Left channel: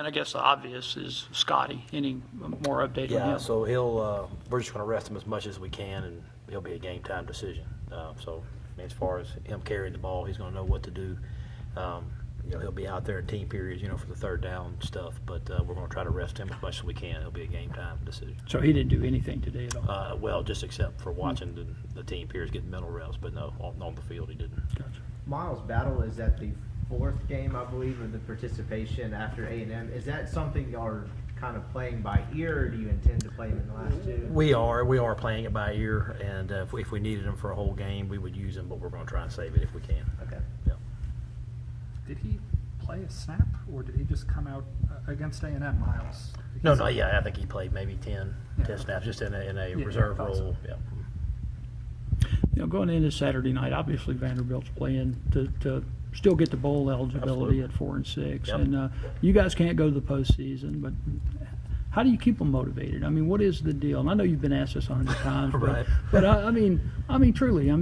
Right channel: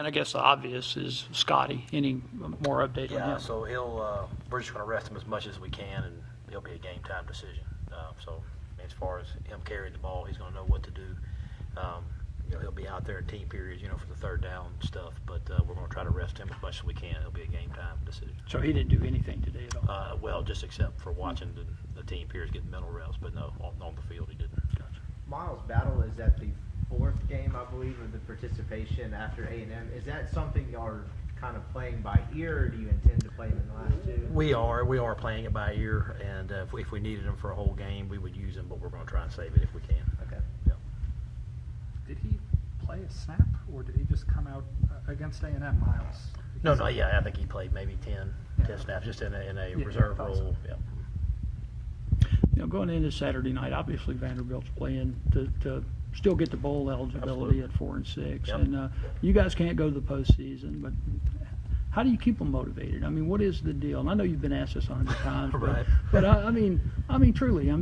And I guess the obvious is Scotty. Any more update on Yeah, him? so we're just going to rest him as much as we can, and he'll be a game time decision. So as far as him carrying the ball, he's going to know what to do. He'll be out there in team periods, for the third down stuff, but we're going to try to rest him as much as we can. It'll be a game time decision. So he didn't do anything today at all? Well, just except for watching the team periods, getting mental reps, but no, on the field he didn't. Gotcha. Miles Battle is at the fourth game, I believe, of the participation after A&M. Is that something y'all are kind of playing by ear, or do you intend to play him in the last two? We are playing it by ear, and if we needed him for a whole game, we would use him, but we're going to try and save it if we can. Okay. Yeah. Did he play a snap, or did he just come out against A&M, Miles? No, yeah, I think he played maybe 10 snaps, just in a reserve role. So. Yeah. Going into Saturday night, obviously Vanderbilt's playing to still get the bowl eligibility Absolutely. at 4-6, Yep. and you guys can't go to the postseason. But how do you keep them motivated? I mean, what is the deal? And I know you've been asked this 100 times, Right. but I mean, truly, how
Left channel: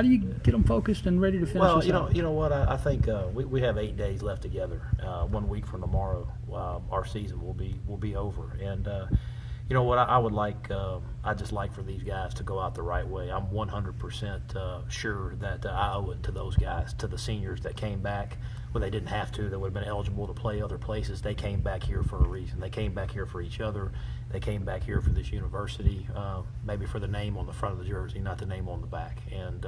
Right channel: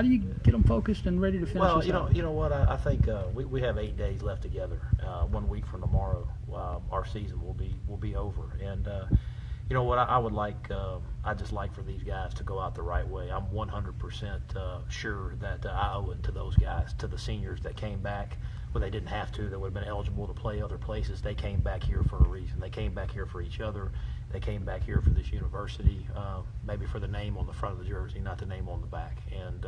do you get them focused and ready to finish Well, this out? you know what? I think we have 8 days left together. 1 week from tomorrow, our season will be over. And you know what? I would like. I just like for these guys to go out the right way. I'm 100% sure that I owe it to those guys, to the seniors that came back when they didn't have to. That would have been eligible to play other places. They came back here for a reason. They came back here for each other. They came back here for this university, maybe for the name on the front of the jersey, not the name on the back. And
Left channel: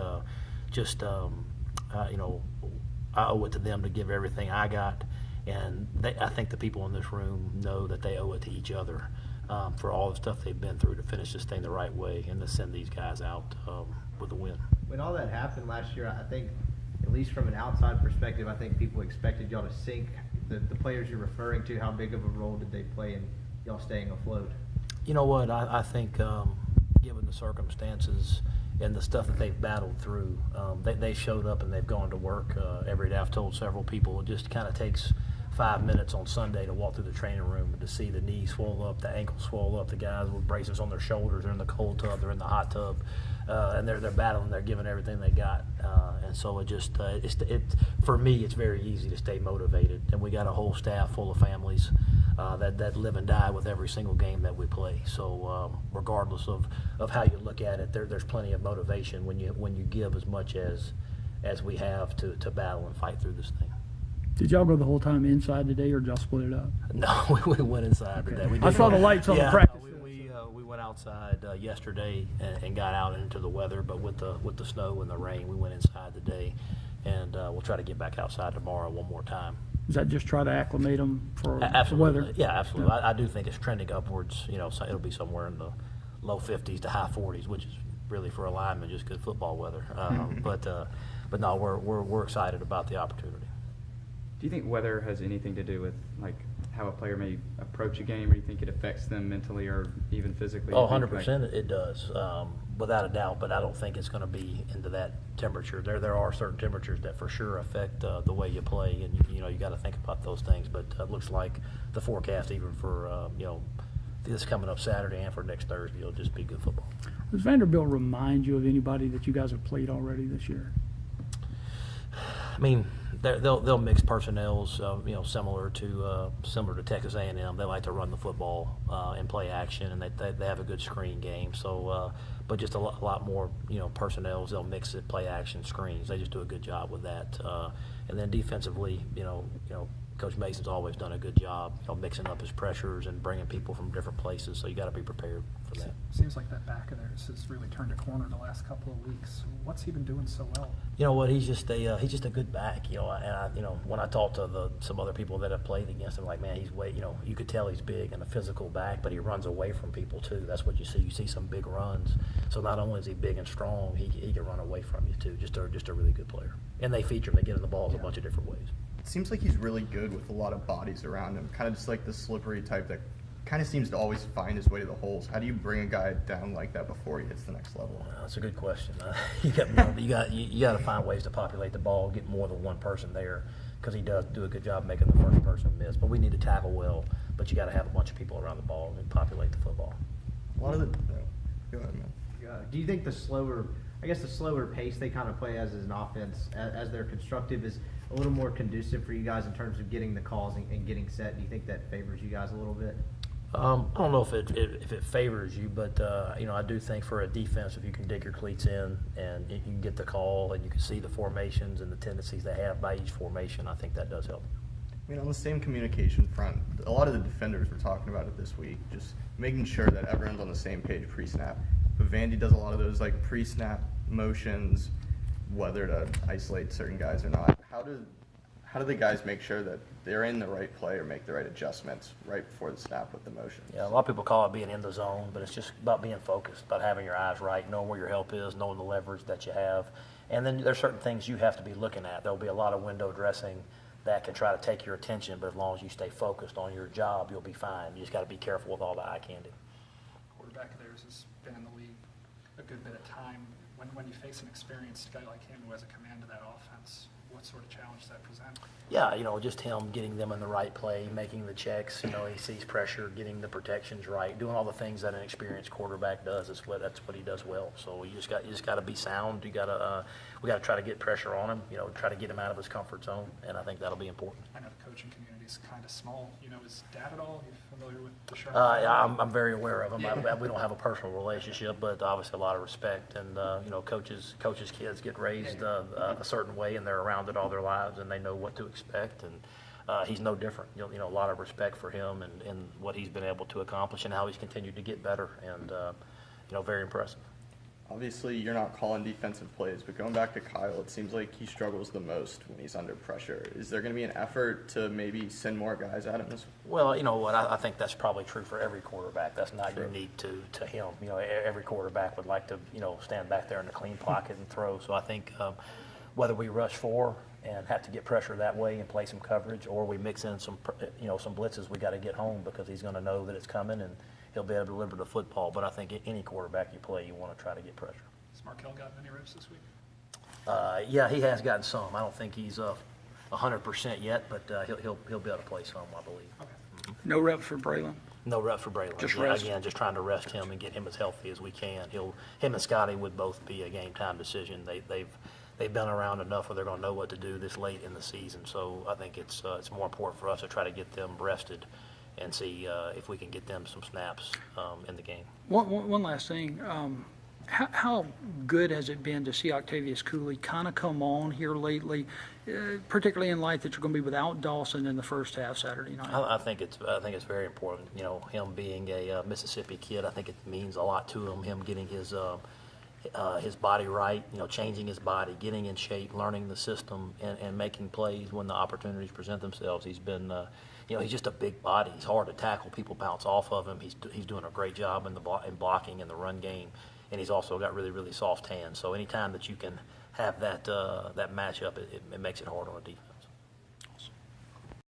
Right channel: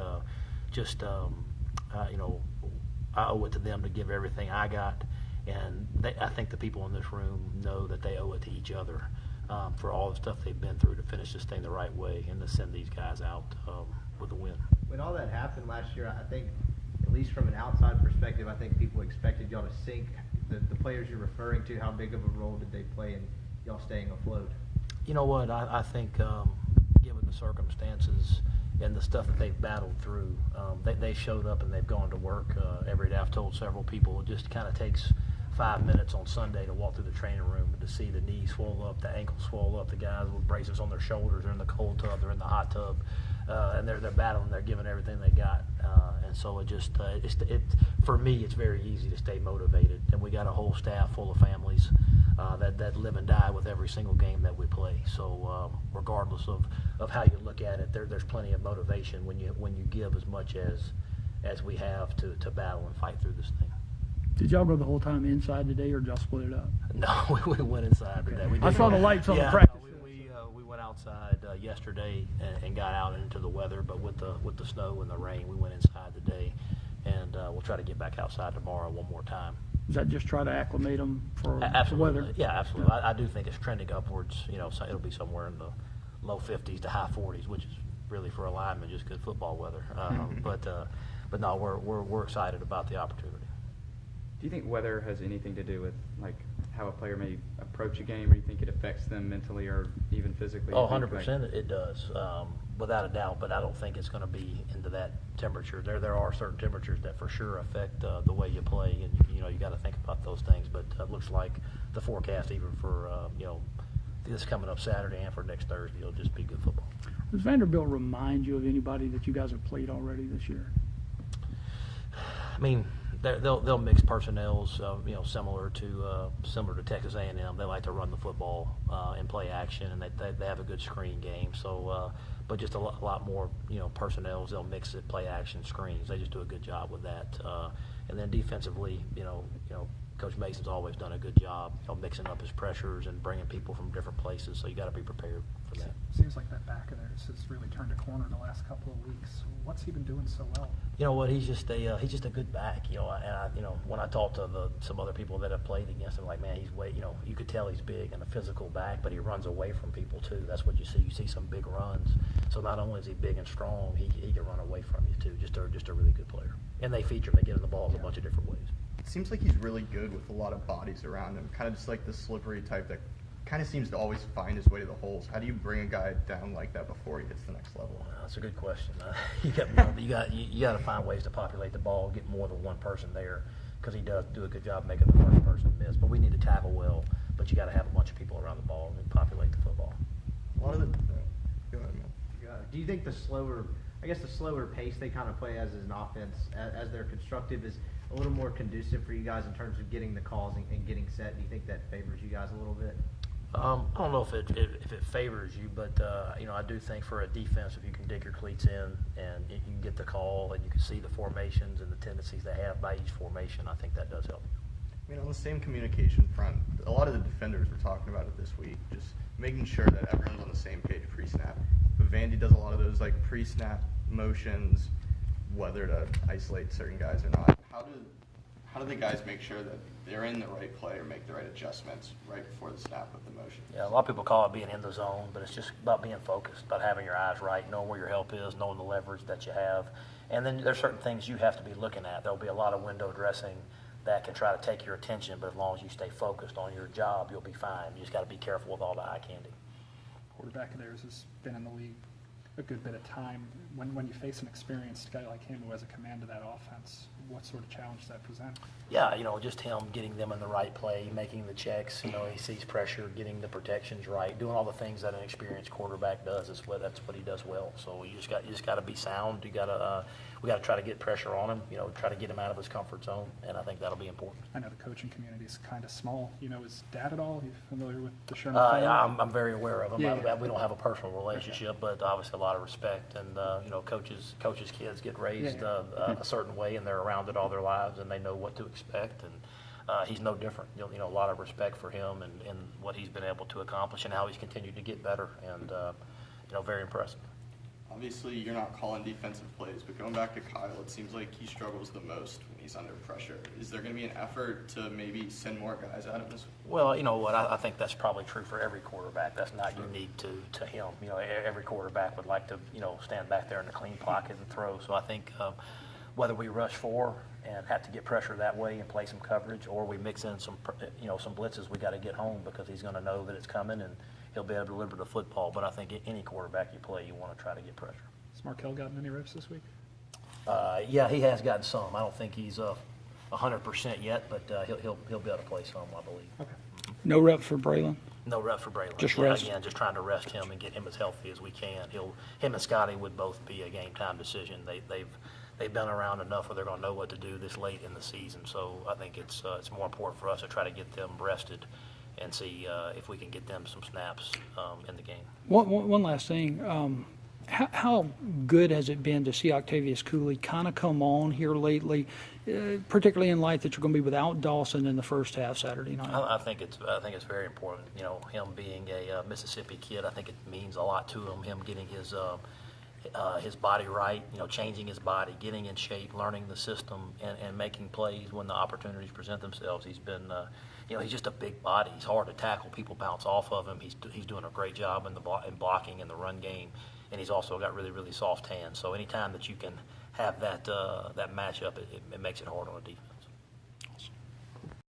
I owe it to them to give everything I got. And I think the people in this room know that they owe it to each other for all the stuff they've been through to finish this thing the right way and to send these guys out with a win. When all that happened last year, I think, at least from an outside perspective, I think people expected y'all to sink. The players you're referring to, how big of a role did they play in y'all staying afloat? You know what? I think given the circumstances and the stuff that they've battled through, they showed up and they've gone to work every day. I've told several people it just kind of takes 5 minutes on Sunday to walk through the training room and to see the knees swell up, the ankles swell up, the guys with braces on their shoulders, they're in the cold tub, they're in the hot tub, and they're battling, they're giving everything they got. And so it just, for me, it's very easy to stay motivated. And we got a whole staff full of families that live and die with every single game that we play. So regardless of how you look at it, there's plenty of motivation when you give as much as we have to battle and fight through this thing. Did y'all go the whole time inside today, or did y'all split it up? No, we went inside today. I saw the lights on the practice. We went outside yesterday and got out into the weather, but with the snow and the rain, we went inside today, and we'll try to get back outside tomorrow one more time. Is that just try to acclimate them for the Absolutely. weather? Yeah, absolutely. Yeah. I do think it's trending upwards. So it'll be somewhere in the low 50s to high 40s, which is really for a lineman just good football weather. But no, we're excited about the opportunity. Do you think weather has anything to do with like how a player may approach a game, or you think it affects them mentally or even physically? Oh, 100% it does, without a doubt. But I don't think it's going to be into that temperature. There are certain temperatures that for sure affect the way you play, and you got to think about those things. But it looks like the forecast, even for this coming up Saturday and for next Thursday, it'll just be good football. Does Vanderbilt remind you of anybody that you guys have played already this year? I mean, they'll mix personnels, similar to Texas A&M. They like to run the football and play action, and they have a good screen game. So, but just a lot more, personnels. They'll mix it, play action, screens. They just do a good job with that. And then defensively, Coach Mason's always done a good job, mixing up his pressures and bringing people from different places. So you got to be prepared for that. Seems like that back of theirs has really turned a corner in the last couple of weeks. What's he been doing so well? You know what? He's just a good back. When I talk to some other people that have played against him, like, man, he's you could tell he's big and a physical back, but he runs away from people too. That's what you see. You see some big runs. So not only is he big and strong, he can run away from you too. Just a really good player. And they feature him. They get him the balls a bunch of different ways. It seems like he's really good with a lot of bodies around him, kind of just like the slippery type that kind of seems to always find his way to the holes. How do you bring a guy down like that before he hits the next level? That's a good question. You got to find ways to populate the ball, get more than one person there, because he does do a good job making the first person miss. But we need to tackle well, but you got to have a bunch of people around the ball and populate the football. A lot of the go ahead, man. Do you think the slower pace they kind of play as an offense, as they're constructive, is a little more conducive for you guys in terms of getting the calls and getting set? Do you think that favors you guys a little bit? I don't know if it favors you, but I do think for a defense, if you can dig your cleats in and you can get the call and you can see the formations and the tendencies they have by each formation, I think that does help. I mean, on the same communication front, a lot of the defenders were talking about it this week, just making sure that everyone's on the same page pre-snap. But Vandy does a lot of those like pre-snap motions, whether to isolate certain guys or not. How do the guys make sure that they're in the right play or make the right adjustments right before the snap with the motions? Yeah, a lot of people call it being in the zone, but it's just about being focused, about having your eyes right, knowing where your help is, knowing the leverage that you have. And then there's certain things you have to be looking at. There'll be a lot of window dressing that can try to take your attention, but as long as you stay focused on your job, you'll be fine. You just got to be careful with all the eye candy. Quarterback of theirs has been in the league a good bit of time. When you face an experienced guy like him who has a command of that offense, what sort of challenge does that present? Yeah, just him getting them in the right play, making the checks. He sees pressure, getting the protections right, doing all the things that an experienced quarterback does. That's what he does well. So you just got to be sound. We got to try to get pressure on him. Try to get him out of his comfort zone, and I think that'll be important. I know the coaching community is kind of small. Is Dad at all? Are you familiar with the Sherman? Yeah, I'm very aware of him. Yeah. We don't have a personal relationship, but obviously a lot of respect. And coaches' kids get raised a certain way, and they're around it all their lives, and they know what to expect. And he's no different. A lot of respect for him and what he's been able to accomplish, and how he's continued to get better. And very impressive. Obviously, you're not calling defensive plays, but going back to Kyle, it seems like he struggles the most when he's under pressure. Is there going to be an effort to maybe send more guys at him? Well, you know what? I think that's probably true for every quarterback. That's not unique to him. Every quarterback would like to, stand back there in the clean pocket and throw. So I think whether we rush 4 and have to get pressure that way and play some coverage, or we mix in some blitzes, we got to get home because he's going to know that it's coming and he'll be able to deliver the football. But I think any quarterback you play, you want to try to get pressure. Has Markel gotten any reps this week? Yeah, he has gotten some. I don't think he's 100% yet, but he'll be able to play some, I believe. Okay. No reps for Braylon. No rep for Braylon. Just rest. Again, just trying to rest him and get him as healthy as we can. Him and Scotty would both be a game time decision. They've been around enough where they're going to know what to do this late in the season. So I think it's more important for us to try to get them rested and see if we can get them some snaps in the game. One last thing. How good has it been to see Octavius Cooley kind of come on here lately, particularly in light that you're going to be without Dawson in the first half Saturday night? I think it's very important. Him being a Mississippi kid, I think it means a lot to him. Him getting his body right, changing his body, getting in shape, learning the system, and making plays when the opportunities present themselves. He's been, he's just a big body. He's hard to tackle. People bounce off of him. He's doing a great job in blocking in the run game, and he's also got really, really soft hands. So anytime that you can have that matchup, it makes it hard on a defense.